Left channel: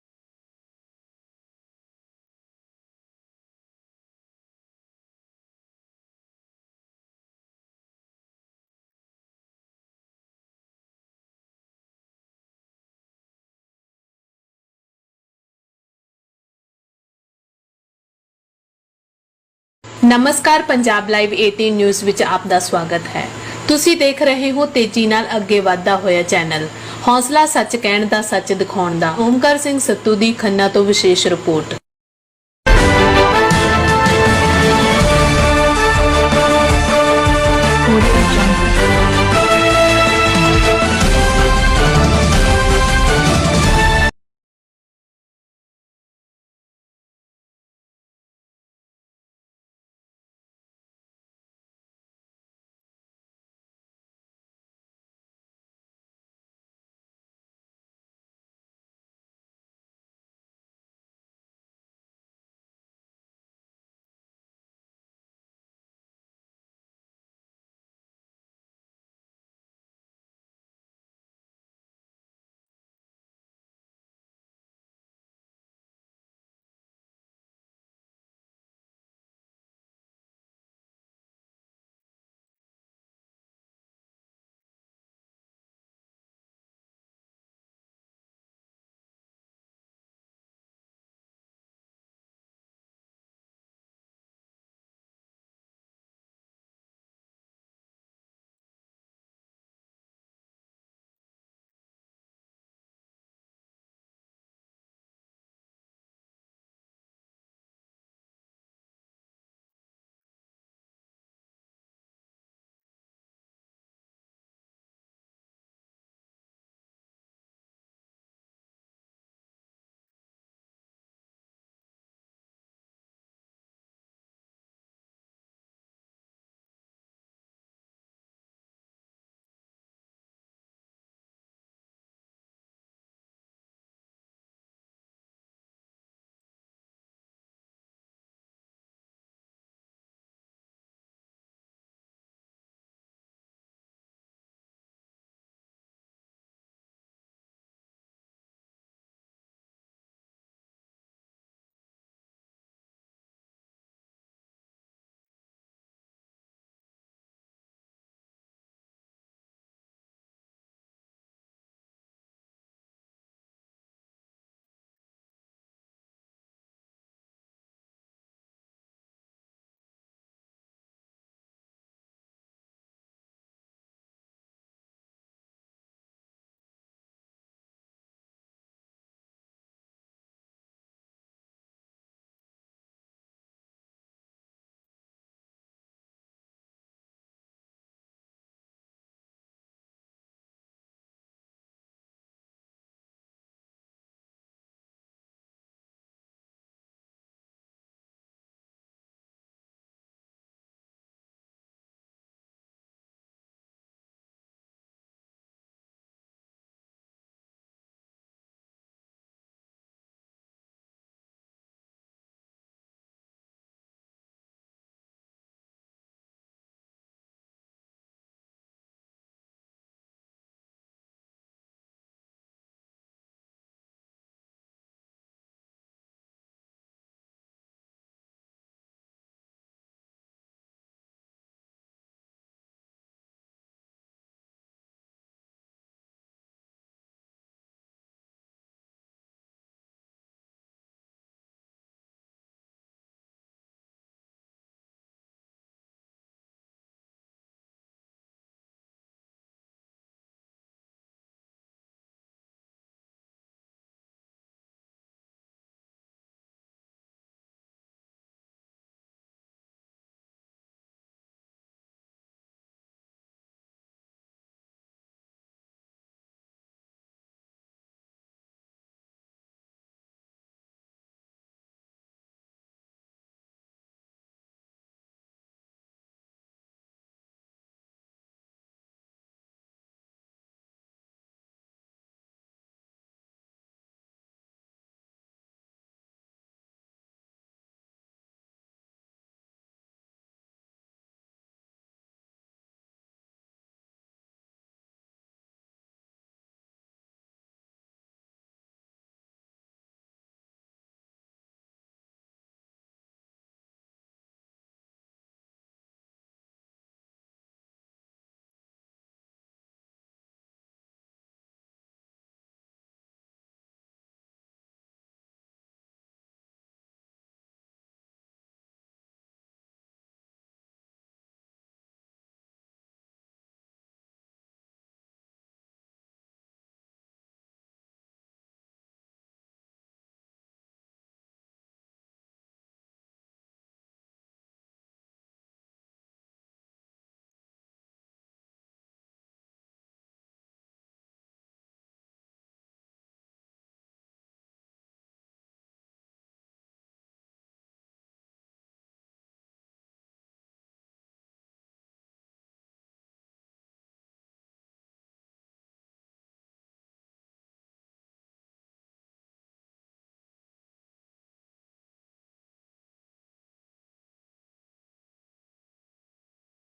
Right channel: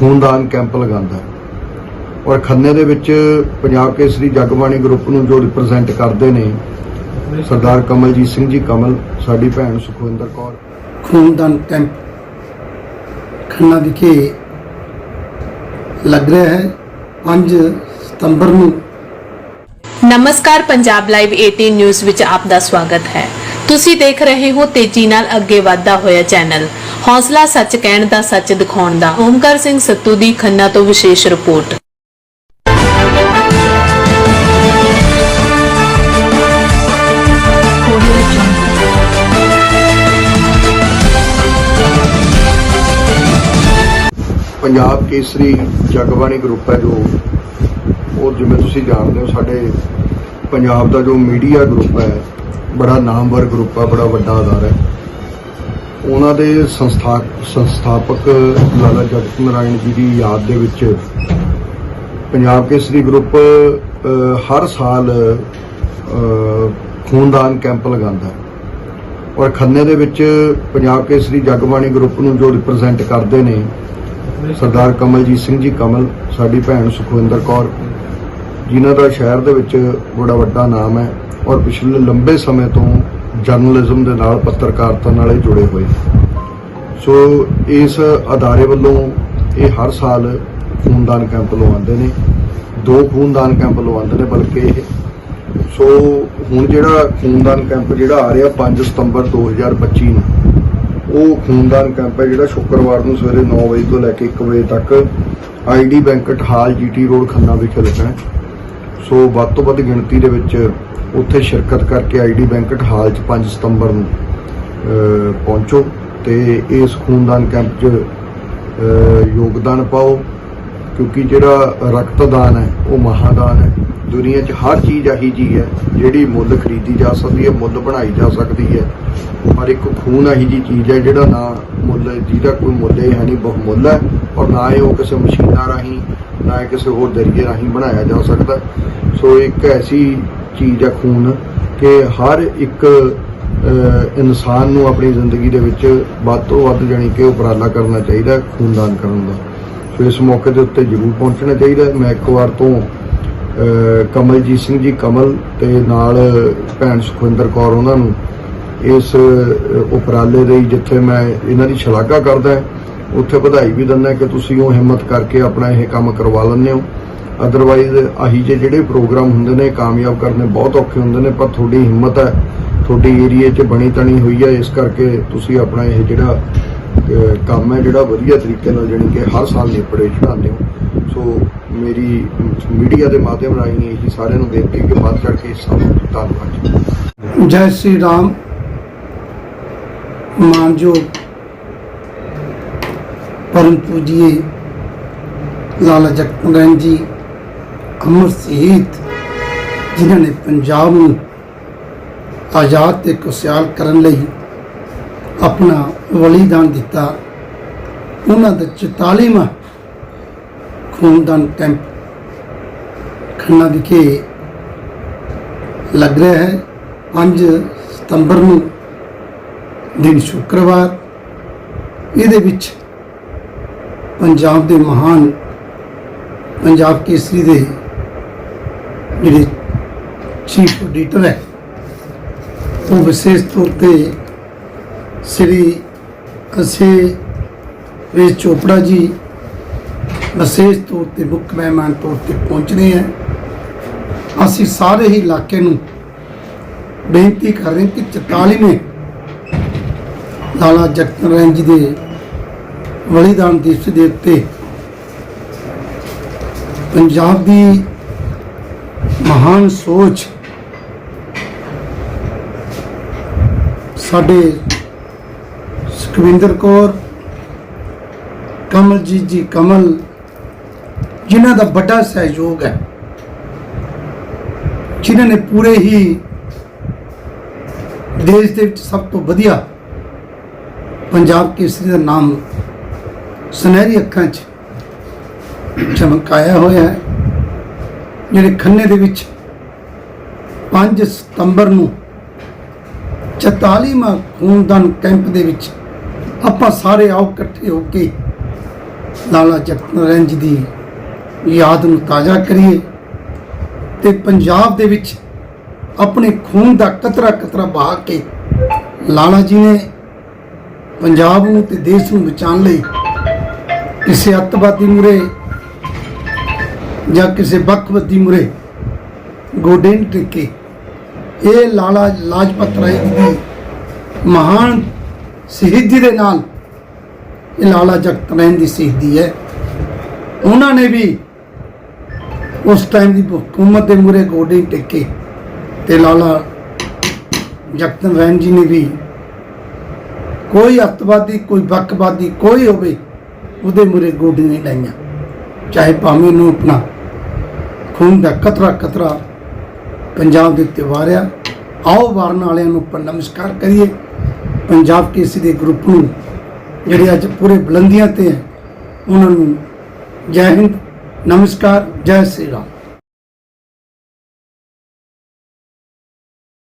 ਖੂਨਦਾਨ ਕੈਂਪ ਲਗਾਉਂਦਾ ਹੈ। ਔਰ ਖੰਨੇ ਦੇ ਵਿੱਚ ਪੰਜਾਬ ਕੇਸਰੀ ਜਗਬਾਣੀ ਗਰੁੱਪ ਨੂੰ ਜੋ ਰਿਪਰੈਜ਼ੈਂਟ ਕਰਦੇ ਨੇ ਸਰਦਾਰ ਕਮਲਜੀਤ ਸਿੰਘ ਜੀ ਕਮਲ ਸਾਡੀ ਭੈਣ ਸੁਖਵਿੰਦਰ ਕੌਰ। ਖੂਨਦਾਨ ਕੈਂਪ ਖੰਨਾ ਵਿਖੇ ਲੱਗ ਰਿਹਾ ਹੈ। 5 ਸਤੰਬਰ ਨੂੰ ਨਮਸਕਾਰ ਪੰਜਾਬ ਲਾਈਵ 18 ਨਿਊਜ਼ ਵਿੱਚ ਆਪ ਦਾ ਸਵਾਗਤ ਹੈ। ਤੁਸੀਂ ਦੇਖ ਰਹੇ ਹੋ ਤੇਜ਼ੀ ਨਾਲ ਅੱਗੇ ਵਧਦਾ ਹੋਇਆ ਚੈਨਲ ਹੌਸਲਾ ਸੱਚ ਕਹਿਣ ਦਾ, ਸੱਚ ਦਿਖਾਉਣ ਦਾ। ਓਮਕਾਰ ਸਿੰਘ ਸੱਤੂ ਦੀ ਖੰਨਾ ਤੋਂ ਵਿਸ਼ੇਸ਼ ਰਿਪੋਰਟ। ਪੰਜਾਬ ਕੇਸਰੀ ਜਗਬਾਣੀ ਗਰੁੱਪ ਹੈ ਜੋ, ਉਹ ਜਿਵੇਂ ਤੁਸੀਂ ਜਾਣਦੇ ਹੋ, ਸਾਡੇ ਪੰਜਾਬ ਦਾ ਜੋ ਮੀਡੀਆ ਗਰੁੱਪ ਹੈ, ਬੜਾ ਨਾਮਵਰ ਗਰੁੱਪ ਹੈ, ਬੜਾ ਵੱਡਾ ਆਧਾਰ ਹੈ। ਉਹਨਾਂ ਦੇ ਸੰਸਥਾ, ਸੰਸਥਾਪਕ ਲਾਲਾ ਜਗਤ ਨਾਰਾਇਣ ਜੀ ਦੀ ਯਾਦ ਦੇ ਵਿੱਚ ਪੰਜਾਬ ਕੇਸਰੀ ਗਰੁੱਪ ਹਰ ਸਾਲ ਖੂਨਦਾਨ ਕੈਂਪ ਲਗਾਉਂਦਾ ਹੈ। ਔਰ ਖੰਨੇ ਦੇ ਵਿੱਚ ਪੰਜਾਬ ਕੇਸਰੀ ਜਗਬਾਣੀ ਗਰੁੱਪ ਨੂੰ ਜੋ ਰਿਪਰੈਜ਼ੈਂਟ ਕਰਦੇ ਨੇ, ਸਰਦਾਰ ਕਮਲਜੀਤ ਸਿੰਘ ਜੀ ਕਮਲ, ਸਾਡੀ ਭੈਣ ਸੁਖਵਿੰਦਰ ਕੌਰ, ਜਿਨ੍ਹਾਂ ਦਾ ਸ਼ਹਿਰ ਦੇ ਵਿੱਚ ਬੜਾ ਵੱਡਾ ਨਾਮ ਹੈ, ਔਰ ਪਿਛਲੇ ਲੰਬੇ ਸਮੇਂ ਤੋਂ ਜਰਨਲਿਜ਼ਮ ਦੇ ਨਾਲ ਪੱਤਰਕਾਰਤਾ ਨਾਲ ਇਹ ਜੁੜੇ ਹੋਏ। ਸੋ ਇਸ ਅਦਾਰੇ ਵੱਲੋਂ ਇਹ ਹਰ ਸਾਲ ਖੂਨਦਾਨ ਕੈਂਪ ਲਵਾਉਂਦੇ ਨੇ। ਦੋ ਖੂਨਦਾਨ ਕੈਂਪ ਲਵਾਉਂਦੇ ਨੇ ਬਲਕਿ ਇਹ। ਸੋ ਹੁਣ ਜਿਹੜਾ ਖੂਨਦਾਨ ਕੈਂਪ ਜਿਹੜਾ ਆ ਰਿਹਾ 5 ਸਤੰਬਰ 2025 ਨੂੰ, ਉਹ ਖੂਨਦਾਨ ਕੈਂਪ ਹੈ ਜਿਹੜਾ ਸ਼ੁੱਕਰਵਾਰ ਨੂੰ ਸਵੇਰੇ 9 ਵਜੇ ਤੋਂ ਲੈ ਕੇ 1 ਵਜੇ ਤੱਕ ID banquet hall GT road Khanna ਵਿਖੇ ਲੱਗਣਾ ਹੈ। ਸੋ ਵੱਧ ਤੋਂ ਵੱਧ ਗਿਣਤੀ ਦੇ ਵਿੱਚ ਉੱਥੇ ਸ਼ਿਰਕਤ ਕਰਕੇ ਆਈਡੀ ਬੈਂਕਟ ਹਾਲ 'ਚ 5 ਸਤੰਬਰ ਨੂੰ ਪਹੁੰਚੋ ਤੇ ਇਸ ਖੂਨਦਾਨ ਕੈਂਪ 'ਚ ਯੋਗਦਾਨ ਪਾਓ ਕਿਉਂਕਿ ਜਿਹੜਾ ਰਕਤਦਾਨ ਹੈ, ਉਹ ਮਹਾਦਾਨ ਹੈ। ਦੁਨੀਆ 'ਚ ਹਰ ਚੀਜ਼ ਆਹੀ ਜੀ ਹੈ, ਜਿਹੜੀ ਮੁੱਲ ਖਰੀਦੀ ਜਾ ਸਕਦੀ ਹੈ, ਮੁੱਲ ਬਣਾਈ ਜਾ ਸਕਦੀ ਹੈ। ਪਰ ਇੱਕ ਖੂਨ ਆਹੀ ਜੀ ਚੀਜ਼ ਹੈ, ਜਿਹੜਾ ਨਾ ਮੁੱਲ, ਜਿਹਦਾ ਕੋਈ ਮੁੱਲ ਹੀ ਹੈ ਨਹੀਂ ਬਹੁਮੁੱਲ ਹੈ। ਔਰ ਨਾ ਇਹ ਉਹ ਕਿਸੇ ਮਸ਼ੀਨਾਂ ਰਾਹੀਂ, ਨਾ ਇਹ ਕਿਸੇ ਹੋਰ ਜ਼ਰੀਏ ਰਾਹੀਂ ਬਣਾਇਆ ਜਾ ਸਕਦਾ। ਸੋ ਇੱਕ ਐਸੀ ਚੀਜ਼ ਹੈ ਖੂਨ ਕਿ ਹਰ ਇੱਕ ਇਨਸਾਨ ਨੂੰ ਆਪਣੀ ਜ਼ਿੰਦਗੀ ਦੇ ਵਿੱਚ ਵੱਧ ਤੋਂ ਵੱਧ ਜਾਣੀ ਕਿ ਉਪਰਾਲਾ ਕਰਨਾ ਚਾਹੀਦਾ ਖੂਨਦਾਨ ਕਰਨ ਦਾ। ਸੋ ਇਸ ਮੌਕੇ ਦੇ ਉੱਤੇ ਜ਼ਰੂਰ ਪਹੁੰਚਣਾ ਚਾਹੀਦਾ ਮੈਂ ਇੱਕ ਵਾਰ ਤੋਂ ਕਮਲਜੀਤ ਸਿੰਘ ਜੀ, ਕਮਲ ਤੇ ਨਾਲ ਭੈਣ ਸੁਖਵਿੰਦਰ ਕੌਰ ਉਹਨਾਂ ਨੂੰ ਇਸ ਉਪਰਾਲੇ ਲਈ ਜਿੱਥੇ ਮੈਂ ਇਹਨਾਂ ਦੀ ਸ਼ਲਾਘਾ ਕਰਦਾ ਉੱਥੇ ਵਧਾਈ ਵੀ ਦਿੰਦਾ ਕਿ ਤੁਸੀਂ ਉਹ ਹਿੰਮਤ ਕਰਕੇ ਆਪਣਾ ਇਹ ਕੰਮ ਕਰਵਾ ਲੈਂਦੇ ਹੋ। ਅਦਰਵਾਈਜ਼ ਆਹੀ ਜੇ ਜਿਹੜੇ ਪ੍ਰੋਗਰਾਮ ਹੁੰਦੇ ਨੇ, ਕਾਮਯਾਬ ਕਰਨੇ ਬਹੁਤ ਔਖੇ ਹੁੰਦੇ ਨੇ, ਪਰ ਤੁਹਾਡੀ ਹਿੰਮਤ ਹੈ, ਤੁਹਾਡੀ ਏਰੀਏ 'ਚ ਬਣੀ ਤਣੀ ਹੋਈ ਹੈ, ਇਸ ਕਰਕੇ ਤੁਸੀਂ ਆਪਣਾ ਇਹ ਜਿਹੜਾ ਕੰਮ ਹੈ ਜਿਹੜਾ ਵਧੀਆ ਤਰੀਕੇ ਨਾਲ ਜਾਣੀ ਕਿ ਹਰ ਸਾਲ ਨੇਪੜੇ ਚੜਾਉਂਦੇ ਹੋ। ਸੋ ਮੇਰੀ ਮੀਡੀਆ ਦੇ ਮਾਧਿਅਮ ਰਾਹੀਂ ਇਹ ਸਾਰਿਆਂ ਨੂੰ ਬੇਨਤੀ ਕਿ ਵੱਧ ਕਰਕੇ ਇਸ ਸਭ ਲਓ ਧੰਨਵਾਦ। ਜੈ ਸ਼੍ਰੀ ਰਾਮ। ਮਾਨਯੋਗ ਪਰਮ ਪੂਜੀਏ, ਲਾਲਾ ਜਗਤ ਜੀ ਅਮਰ ਸ਼ਹੀਦ ਜਿਨ੍ਹਾਂ ਨੇ ਪੰਜਾਬ ਨੂੰ ਆਜ਼ਾਦ ਤੇ ਖੁਸ਼ਹਾਲ ਕਰਨ ਲਈ ਆਪਣਾ ਬਲੀਦਾਨ ਦਿੱਤਾ, ਉਹਨਾਂ ਦਾ 44ਵਾਂ ਖੂਨਦਾਨ ਕੈਂਪ ਖੰਨਾ ਵਿਖੇ ਲੱਗ ਰਿਹਾ ਹੈ। 5 ਸਤੰਬਰ ਨੂੰ ਦਿਨ ਸ਼ੁੱਕਰਵਾਰ, ਇਹਦੇ ਵਿੱਚ ਪੰਜਾਬ ਦੇ ਮਹਾਨ ਪੰਜਾਬ ਕੇਸਰੀ ਦੇ ਜਿਹੜੇ ਚੀਫ ਐਡੀਟਰ ਹੈ, ਉਹ ਵਿਸ਼ੇਸ਼ ਤੌਰ ਤੇ ਸ੍ਰੀ ਅਸੇ ਵੇ ਚੋਪੜਾ ਜੀ ਵਿਸ਼ੇਸ਼ ਤੌਰ ਤੇ ਮੁੱਖ ਮਹਿਮਾਨ ਤੌਰ ਤੇ ਪਹੁੰਚਣੇ ਹੈ। ਅਸੀਂ ਸਾਰੇ ਹੀ ਇਲਾਕੇ ਨੂੰ ਬੇਨਤੀ ਕਰ ਰਹੇ ਕਿ 44ਵੇਂ ਲਾਲਾ ਜਗਤ ਨਾਰਾਇਣ ਜੀ ਦੇ ਬਲੀਦਾਨ ਦਿਵਸ ਦੇ ਉੱਤੇ ਪੰਜਾਬ ਦੀ ਮਹਾਨ ਸੋਚ ਸਾਡੇ ਸੁਖਵਿੰਦਰ ਕੌਰ, ਕਮਲਜੀਤ ਜੀ ਕਮਲ ਜਿਨ੍ਹਾਂ ਦਾ ਵੱਡਾ ਸਹਿਯੋਗ ਹੈ, ਜਿਨ੍ਹਾਂ ਨੇ ਪੂਰੇ ਹੀ ਦੇਸ਼ ਦੇ ਵਿੱਚ ਸਭ ਤੋਂ ਵਧੀਆ ਪੰਜਾਬ ਕੇਸਰੀ ਦਾ ਨਾਮ ਸੁਨਹਿਰੀ ਅੱਖਾਂ 'ਚ ਚਮਕਾਇਆ ਹੋਇਆ ਹੈ, ਜਿਹੜੇ ਖੰਨੇ ਦੇ ਵਿੱਚ 5 ਸਤੰਬਰ ਨੂੰ 44ਵਾਂ ਖੂਨਦਾਨ ਕੈਂਪ ਦੇ ਵਿੱਚ ਆਪਾਂ ਸਾਰੇ ਆਓ ਇਕੱਠੇ ਹੋ ਕੇ ਲਾਲਾ ਜਗਤ ਨਾਰਾਇਣ ਜੀ ਦੀ ਯਾਦ ਨੂੰ ਤਾਜ਼ਾ ਕਰੀਏ ਤੇ ਪੰਜਾਬ ਦੇ ਵਿੱਚ ਆਪਣੇ ਖੂਨ ਦਾ ਕਤਰਾ ਕਤਰਾ ਬਹਾ ਕੇ ਲਾਲਾ ਜੀ ਨੇ ਪੰਜਾਬ ਨੂੰ ਤੇ ਦੇਸ਼ ਨੂੰ ਬਚਾਉਣ ਲਈ ਕਿਸੇ ਅੱਤਵਾਦੀ ਮੁਰੇ ਜਾਂ ਕਿਸੇ ਬਕਵਦੀ ਮੁਰੇ ਗੋਡੇ ਨਹੀਂ ਟੇਕੇ। ਇਹ ਲਾਲਾ ਲਾਜਪਤ ਰਾਏ ਜੀ ਦੀ ਮਹਾਨ ਸ਼ਹੀਦੀ ਦੇ ਨਾਲ ਇਹ ਲਾਲਾ ਜਗਤ ਰਹਿਣ ਦੀ ਸ਼ਹੀਦੀ ਹੈ। ਉਹਨਾਂ ਨੇ ਵੀ ਉਸ ਟਾਈਮ ਦੀ ਹਕੂਮਤ ਦੇ ਮੂਰੇ ਗੋਡੇ ਟੇਕੇ ਤੇ ਲਾਲਾ ਜਗਤ ਰਹਿਣ ਜੀ ਨੇ ਵੀ ਕੋਈ ਅੱਤਵਾਦੀ, ਕੋਈ ਬਕਵਾਦੀ ਕੋਈ ਹੋਵੇ ਉਹਦੇ ਮੂਰੇ ਗੋਡੇ ਨਹੀਂ ਲਾਈਆਂ। ਚਾਹੇ ਭਾਵੇਂ ਨੂੰ ਆਪਣਾ ਖੂਨ ਦਾ ਕਤਰਾ ਕਤਰਾ ਪੰਜਾਬ ਦੇ ਉੱਤੇ ਵਾਰਿਆ, ਆਓ ਵਾਰਨ ਵਾਲਿਆਂ ਨੂੰ ਆਪਾਂ ਨਮਸਕਾਰ ਕਰੀਏ। ਪੰਜਾਬ ਕੇਸਰੀ ਦੇ ਗਰੁੱਪ ਨੂੰ ਜਿਹੜੇ ਅੱਜ ਪੂਰੇ ਬੁਲੰਦੀਆਂ ਤੇ ਹੈ, ਉਹਨਾਂ ਨੂੰ ਜੈ ਹਿੰਦ। ਨਮਸਕਾਰ, ਜੈ ਸ੍ਰੀ ਰਾਮ।